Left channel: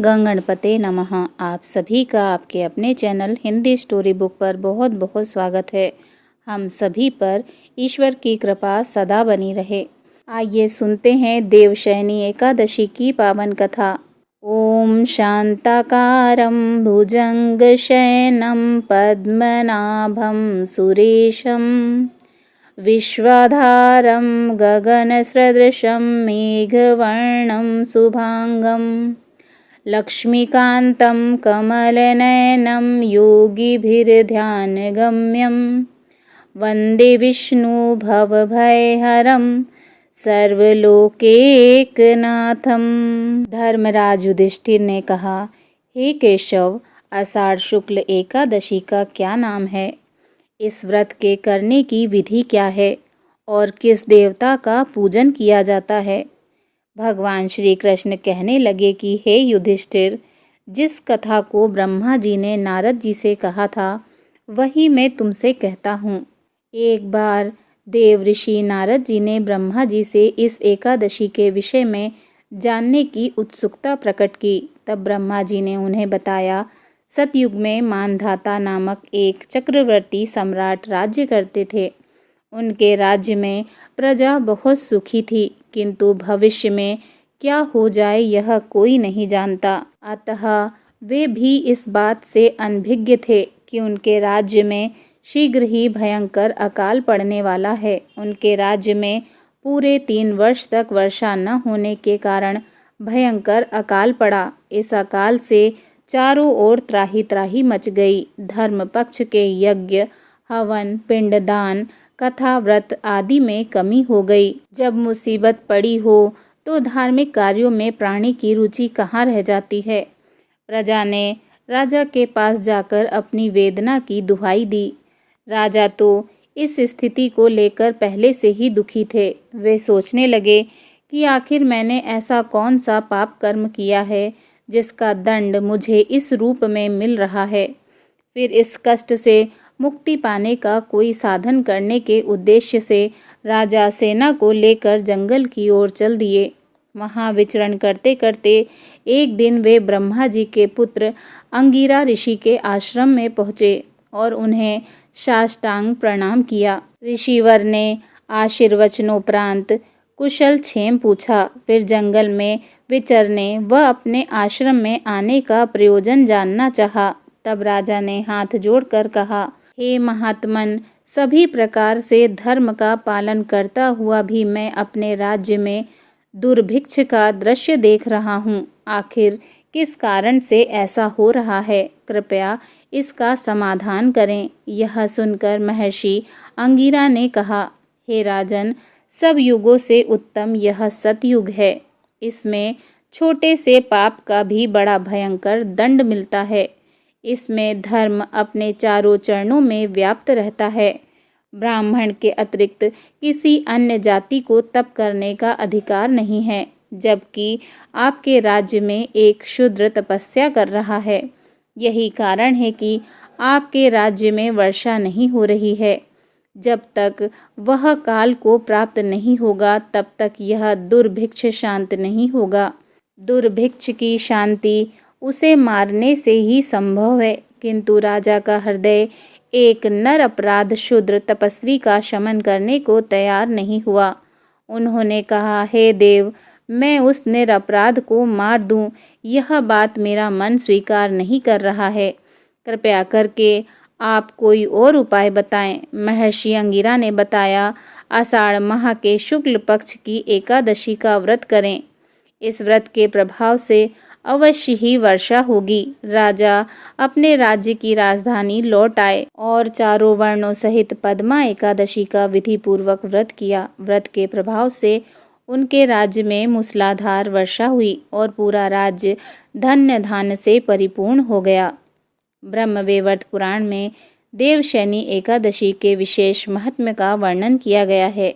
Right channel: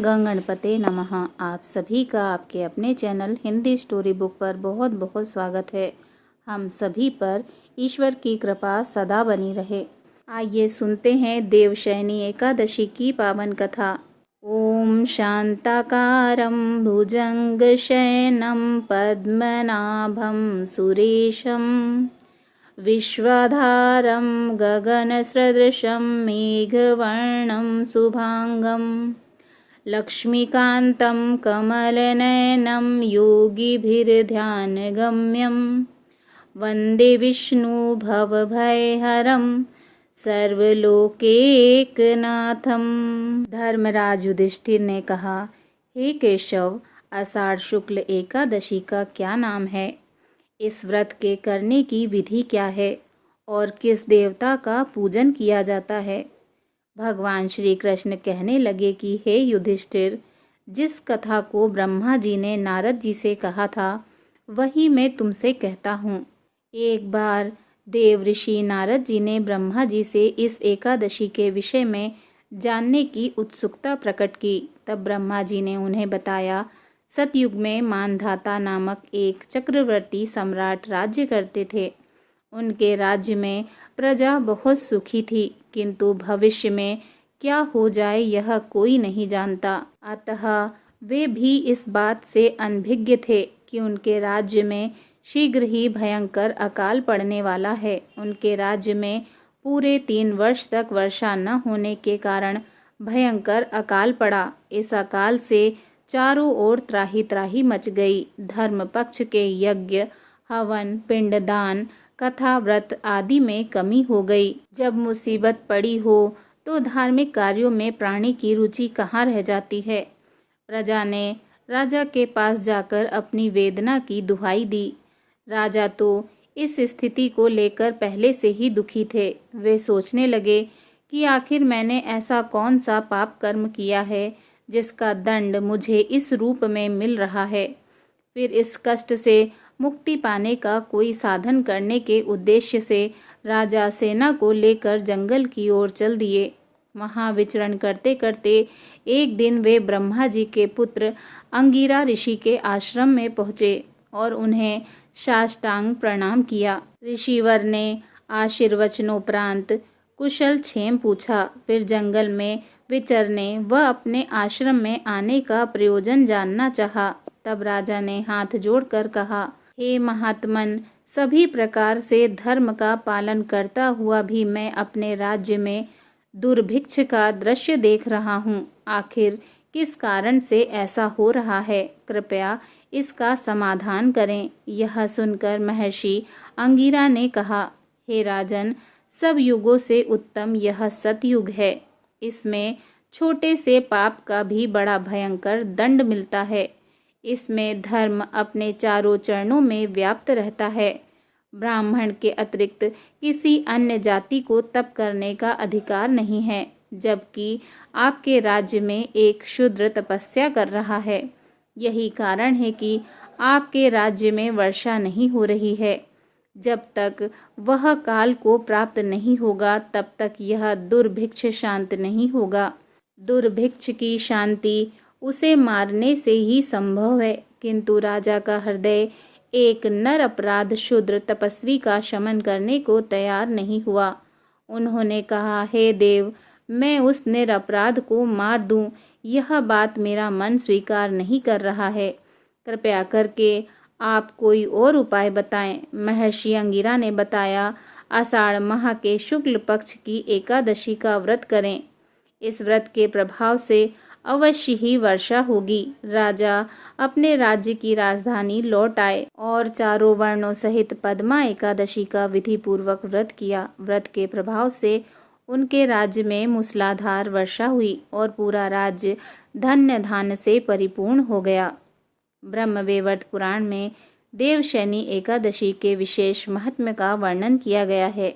गं गणपते नमः। आप सभी का आपके अपने चैनल हिंदी स्टोरी बुक पर बहुत बहुत स्वागत है। हम सभी पर ईश्वर की कृपा सदा बनी रहे। आइए सुनते हैं देवशयनी एकादशी की पावन कथा। ओम शांताकारं भुजंगशयनं पद्मनाभं सुरेशं विश्वाधारं गगनसदृशं मेघवर्णं शुभांगं लक्ष्मीकान्तं कमलनयनं योगिभिर्ध्यानगम्यं वन्दे विष्णु भवभयहरं सर्वलोकैकनाथं। धर्मराज युधिष्ठिर ने कहा, हे केशव, आषाढ़ शुक्ल एकादशी का क्या नाम है? इस व्रत के करने की विधि क्या है और किस देवता का पूजन किया जाता है? भगवान श्री कृष्ण कहने लगे कि हे युधिष्ठिर, जिस कथा को ब्रह्मा जी ने नारद जी से कहा था वही मैं तुमसे कहता हूँ। एक बार देव ऋषि नारद जी ने ब्रह्मा जी से इस एकादशी के विषय में जानने की उत्सुकता प्रकट की। तब ब्रह्मा जी ने उन्हें बताया, सतयुग में मानधाता नामक एक चक्रवर्ती सम्राट राज्य करते थे। उनके राज्य में प्रजा बहुत सुखी थी, किंतु भविष्य में क्या हो जाए यह कोई नहीं जानता। अतः वे भी इस बात से अनभिज्ञ थे कि उनके राज्य में शीघ्र ही भयंकर अकाल पड़ने वाला है। उनके राज्य में पूरे 3 वर्ष तक वर्षा न होने के कारण भयंकर अकाल पड़ा। इस अकाल से चारों ओर त्राही त्राही मच गई। धर्म पक्ष के यज्ञ, हवन, पिंडदान, कथा, व्रत आदि में कमी हो गई। जब मुसीबत पड़ी हो तो धार्मिक कार्यों में प्राणी की रुचि कहाँ रह जाती है। प्रजा ने राजा के पास जाकर अपनी वेदना की दुहाई दी। राजा तो इस स्थिति को लेकर पहले से ही दुखी थे। वे सोचने लगे कि आखिर मैंने ऐसा कौन सा पाप कर्म किया है जिसका दंड मुझे इस रूप में मिल रहा है। फिर इस कष्ट से मुक्ति पाने का कोई साधन करने के उद्देश्य से राजा सेना को लेकर जंगल की ओर चल दिए। वहां विचरण करते करते एक दिन वे ब्रह्मा जी के पुत्र अंगिरा ऋषि के आश्रम में पहुँचे और उन्हें साष्टांग प्रणाम किया। ऋषिवर ने आशीर्वचनोपरांत कुशल क्षेम पूछा। फिर जंगल में विचरने व अपने आश्रम में आने का प्रयोजन जानना चाहा। तब राजा ने हाथ जोड़कर कहा, हे महात्मन, सभी प्रकार से धर्म का पालन करता हुआ भी मैं अपने राज्य में दुर्भिक्ष का दृश्य देख रहा हूँ। आखिर किस कारण से ऐसा हो रहा है? कृपया इसका समाधान करें। यह सुनकर महर्षि अंगिरा ने कहा, हे राजन, सब युगों से उत्तम यह सतयुग है। इसमें छोटे से पाप का भी बड़ा भयंकर दंड मिलता है। इसमें धर्म अपने चारों चरणों में व्याप्त रहता है। ब्राह्मण के अतिरिक्त किसी अन्य जाति को तप करने का अधिकार नहीं है, जबकि आपके राज्य में एक शूद्र तपस्या कर रहा है। यही कारण है कि आपके राज्य में वर्षा नहीं हो रही है। जब तक वह काल को प्राप्त नहीं होगा तब तक यह दुर्भिक्ष शांत नहीं होगा। दुर्भिक्ष की शांति उसे मारने से ही संभव है, किंतु राजा का हृदय एक नर अपराध शूद्र तपस्वी का शमन करने को तैयार नहीं हुआ। उन्होंने कहा, हे देव, मैं उस निरपराध को मार दूं, यह बात मेरा मन स्वीकार नहीं कर रहा है। कृपया करके आप कोई और उपाय बताएं। महर्षि अंगिरा ने बताया, आषाढ़ माह के शुक्ल पक्ष की एकादशी का व्रत करें। इस व्रत के प्रभाव से अवश्य ही वर्षा होगी। राजा अपने राज्य की राजधानी लौट आए और चारों वर्णों सहित पद्मा एकादशी का विधि पूर्वक व्रत किया। व्रत के प्रभाव से उनके राज्य में मूसलाधार वर्षा हुई और पूरा राज्य धन्य धान्य से परिपूर्ण हो गया। ब्रह्मवैवर्त पुराण में देवशयनी एकादशी के विशेष महत्व का वर्णन किया गया है।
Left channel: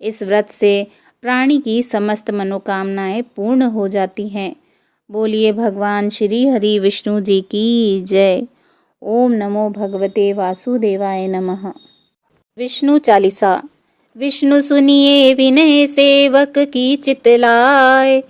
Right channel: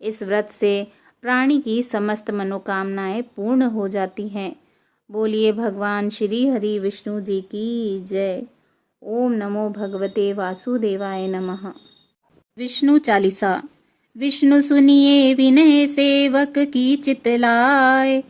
इस व्रत से प्राणी की समस्त मनोकामनाएं पूर्ण हो जाती हैं। बोलिए भगवान श्री हरि विष्णु जी की जय। ओम नमो भगवते वासुदेवाय नमः। विष्णु चालीसा। विष्णु सुनिए विनय सेवक की चितलाय,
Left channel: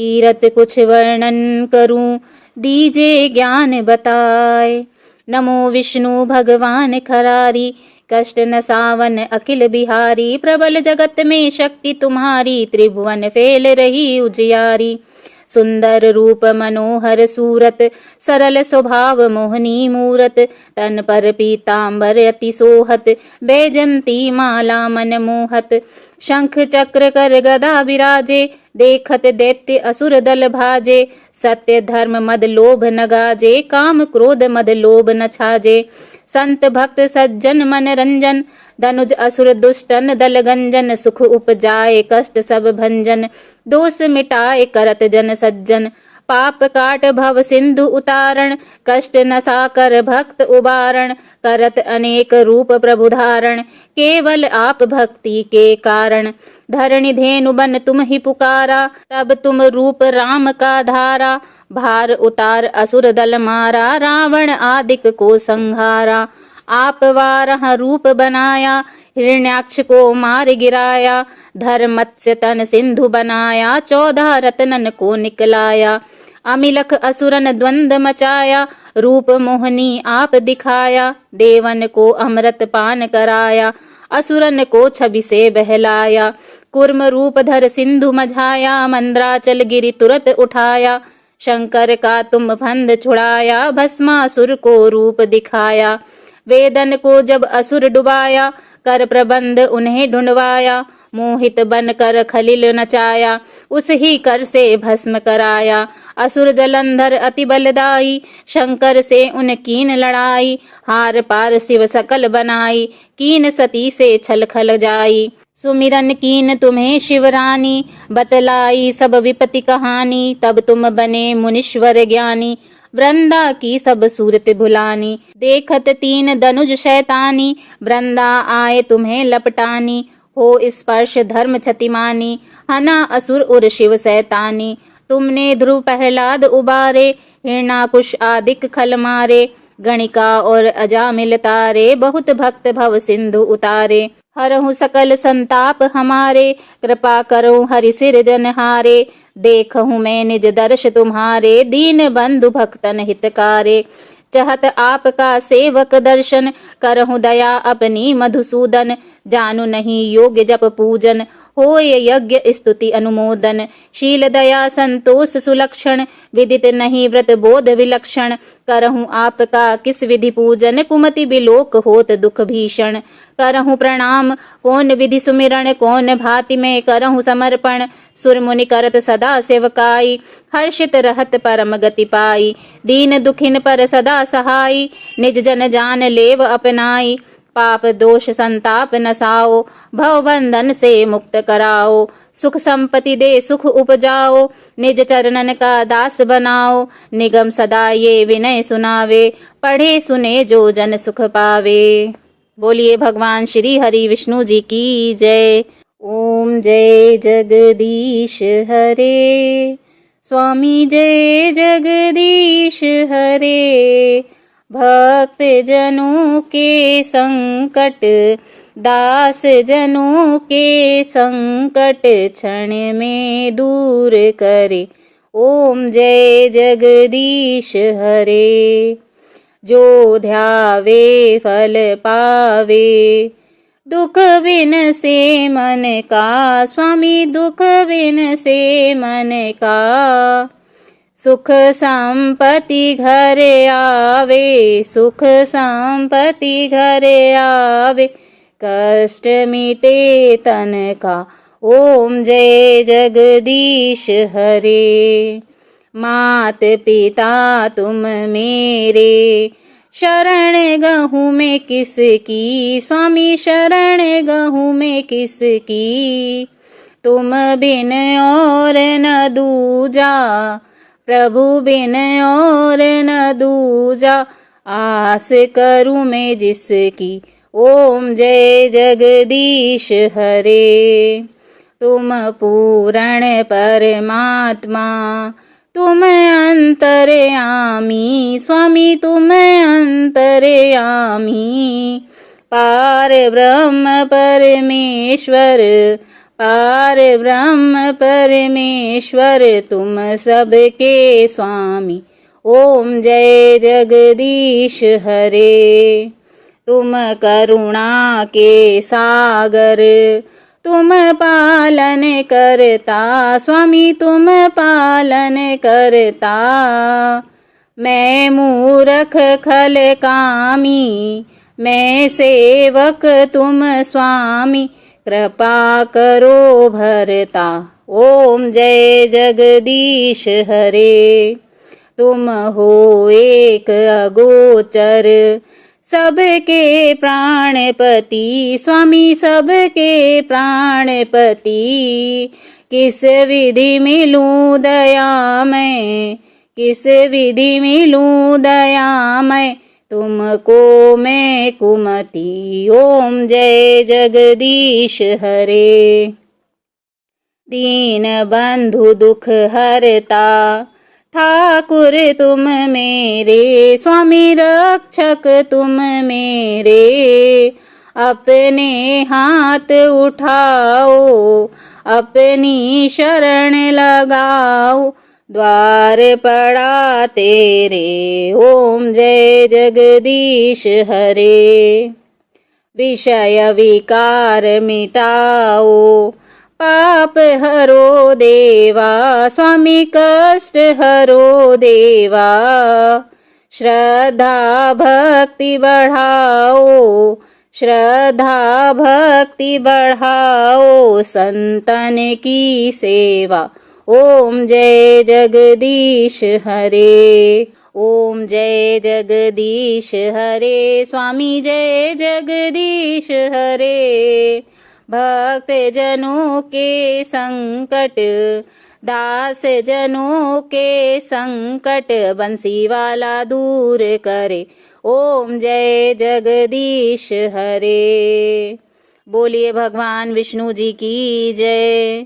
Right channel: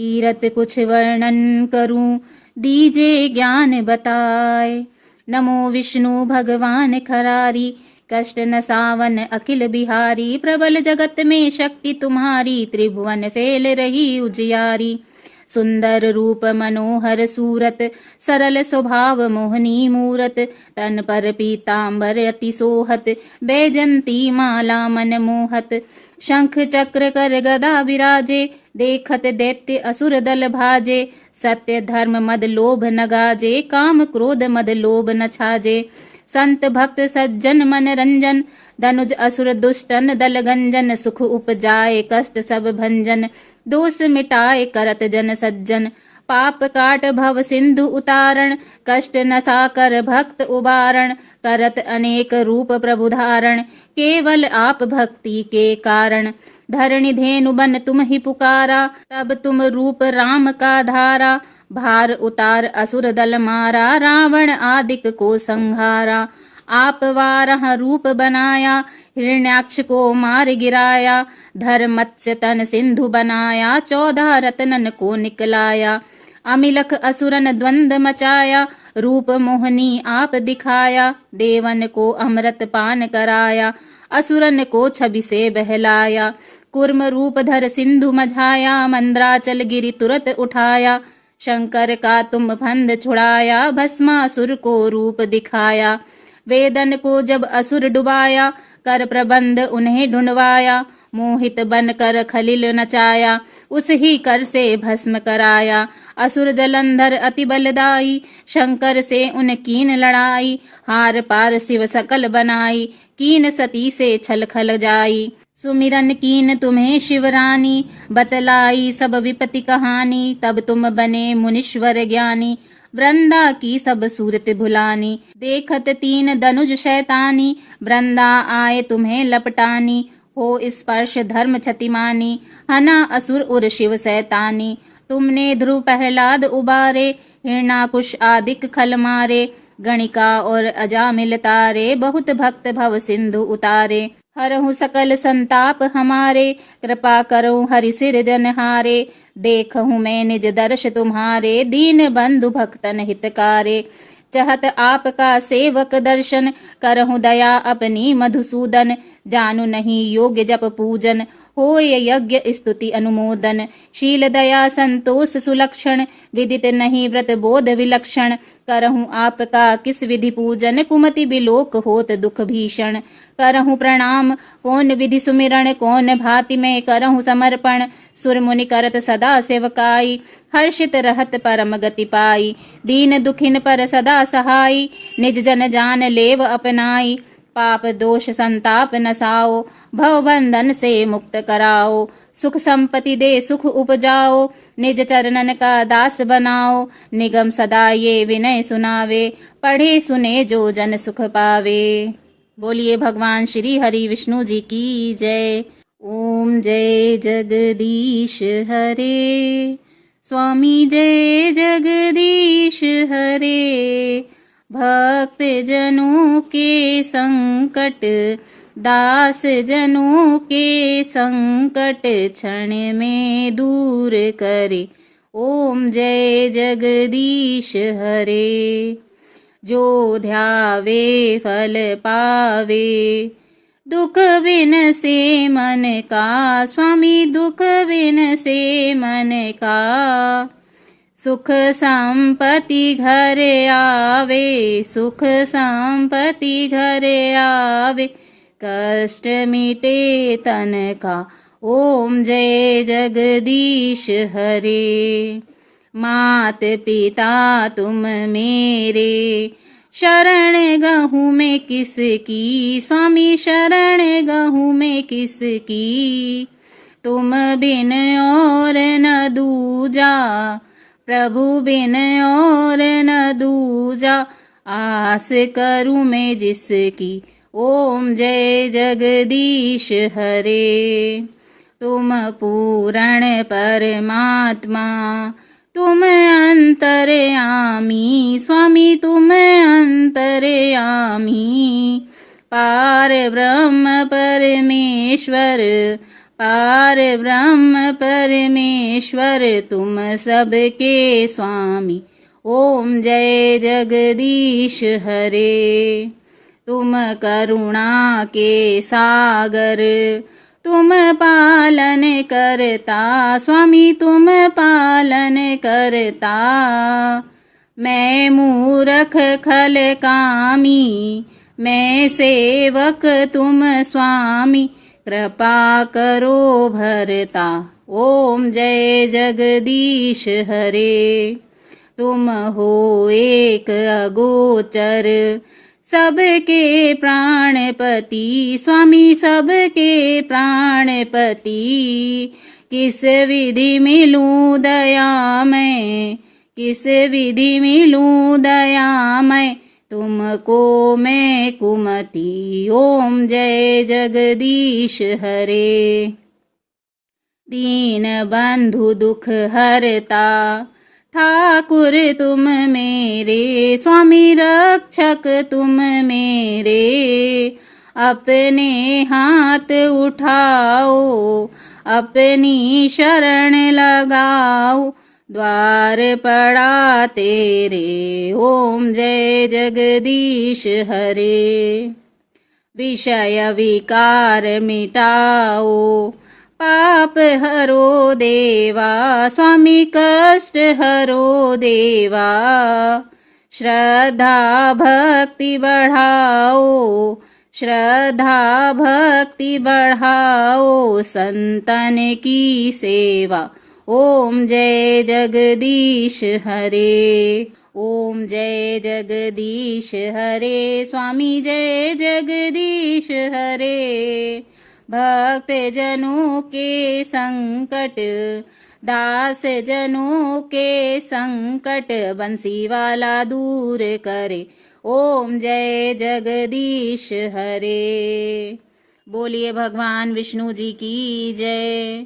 कीरत कुछ वर्णन करूं, दीजे ज्ञान बताए। नमो विष्णु भगवान खरारी, कष्ट न सावन अखिल बिहारी। प्रबल जगत में शक्ति तुम्हारी, त्रिभुवन फैल रही उजियारी। सुंदर रूप मनोहर सूरत, सरल स्वभाव मोहनी मूरत। तन पर पीतांबर अति सोहत, बैजंती माला मन मोहत। शंख चक्र कर गदा विराजे, देखत दैत्य असुर दल भाजे। सत्य धर्म मद लोभ न गाजे, काम क्रोध मद लोभ न छाजे। संत भक्त सज्जन मन रंजन, धनुज असुर दुष्टन दल गंजन। सुख उपजाए कष्ट सब भंजन, दोष मिटाए करत जन सज्जन। पाप काट भव सिंधु उतारण, कष्ट नसा कर भक्त उबारण। करत अनेक रूप प्रभु धारण, केवल आप भक्ति के कारण। धरणि धेनु बन तुम ही पुकारा, तब तुम रूप राम का धारा। भार उतार असुर दल मारा, रावण आदिक को संहारा। आप वाराह रूप बनाया, हिरण्याक्ष को मार गिराया। धर मत्स्य तन सिंधु बनाया, 14 रत्नन को निकलाया। अमिलख असुरन द्वंद मचाया, रूप मोहनी आप दिखाया। देवन को अमृत पान कराया, असुरन को छवि से बहलाया। कुर्म रूप धर सिंधु मझाया, मंद्राचल गिरि तुरत उठाया। शंकर का तुम फंद छुड़ाया, भस्मासुर को रूप दिखाया। वेदन को जब असुर डुबाया, कर प्रबंध उन्हें ढूंढवाया। मोहित बन कर खलिल नचाया, उस ही कर से भस्म कराया। असुर जलंधर अति बलदाई, शंकर से उन कीन लड़ाई। हार पार शिव सकल बनाई, कीन सती से छल खल जाई। सुमिरन कीन तुम्हें शिवरानी, बतलाई सब विपत्ति कहानी। तब तुम बने मुनीश्वर ज्ञानी, वृंदा की सब सूरत भुलानी। देखत 3 धनुज शैतानी, वृंदा आए तुम्हें लपटानी। हो स्पर्श धर्म क्षतिमानी, हना असुर उर शिव सैतानी। तुमने ध्रुव प्रहलाद उबारे, हिरणाकुश आदिक खल मारे। गणिका और अजामिल तारे, बहुत भक्त भव सिंधु उतारे। हरहु सकल संताप हमारे, कृपा करो हरि सिर जनहारे। देखहु मैं निज दर्श तुम्हारे, दीन बंधु भक्तन हितकारे। चहत आपका सेवक दर्शन, करहु दया अपनी मधुसूदन। जानू नहीं योग्य जप पूजन, होय यज्ञ स्तुति अनुमोदन। शील दया संतोष सुलक्षण, विदित नहीं व्रत बोध विलक्षण। करहूँ आपका किस विधि पूजन, कुमति बिलोक होत दुख भीषण। करहूँ प्रणाम कौन विधि सुमिरण, कौन भांति में करहूँ समर्पण। सुर मुनि करत सदा सेवकाई, हर्षित रहत परम गति पाई। दीन दुखिन पर सदा सहाई, निज जन जान लेव अपनाई। पाप दोष संताप नसाओ, भव बंधन से मुक्त कराओ। सुख संपत्ति दे सुख उपजाओ, निज चरणन का दास बनाओ। निगम सदा ये विनय सुनावे, पढ़े सुने जो जन सुख पावे। बोलिए भगवान श्री हरि विष्णु जी की जय। ओम जय जगदीश हरे, स्वामी जय जगदीश हरे। भक्त जनों के संकट, दास जनों के संकट क्षण में दूर करे। ओम जय जगदीश हरे। जो ध्यावे फल पावे, दुख बिन से मन का। स्वामी दुख बिन से मन का, सुख संपत्ति घर आवे। सुख संपत्ति घर आवे, कष्ट मिटे तन का। ओम जय जगदीश हरे। मात पिता तुम मेरे, शरण गहूँ मैं किसकी। स्वामी शरण गहूँ मैं किसकी, तुम बिन और न दूजा। प्रभु बिन और न दूजा, आस करूँ मैं जिसकी। ओम जय जगदीश हरे। तुम पूर्ण परमात्मा, तुम अंतर्यामी। स्वामी तुम अंतर्यामी, पार ब्रह्म परमेश्वर। पार ब्रह्म परमेश्वर तुम सबके स्वामी। ओम जय जगदीश हरे। तुम करुणा के सागर, तुम पालन करता स्वामी, तुम पालन करता। मैं मूरख खल कामी, मैं सेवक तुम स्वामी, कृपा करो भरता। ओम जय जगदीश हरे। तुम हो एक अगोचर, सबके प्राणपति स्वामी, सबके प्राणपति। किस विधि मिलूं दया मैं, किस विधि मिलूं दया मैं, तुमको मैं कुमति। ओम जय जगदीश हरे। दीन बंधु दुख हरता, ठाकुर तुम मेरे स्वामी, रक्षक तुम मेरे। अपने हाथ उठाओ, अपनी शरण लगाओ, द्वार पड़ा तेरे। ओम जय जगदीश हरे। विषय विकार मिटाओ, पाप हरो देवा स्वामी, कष्ट हरो देवा। श्रद्धा भक्ति बढ़ाओ, श्रद्धा भक्ति बढ़ाओ, संतन की सेवा। ओम जय जगदीश हरे। ओम जय जगदीश हरे स्वामी, जय जगदीश हरे। भक्त जनों के संकट, दास जनों के संकट, बंसी वाला दूर करे। ओम जय जगदीश हरे। बोलिए भगवान विष्णु जी की जय।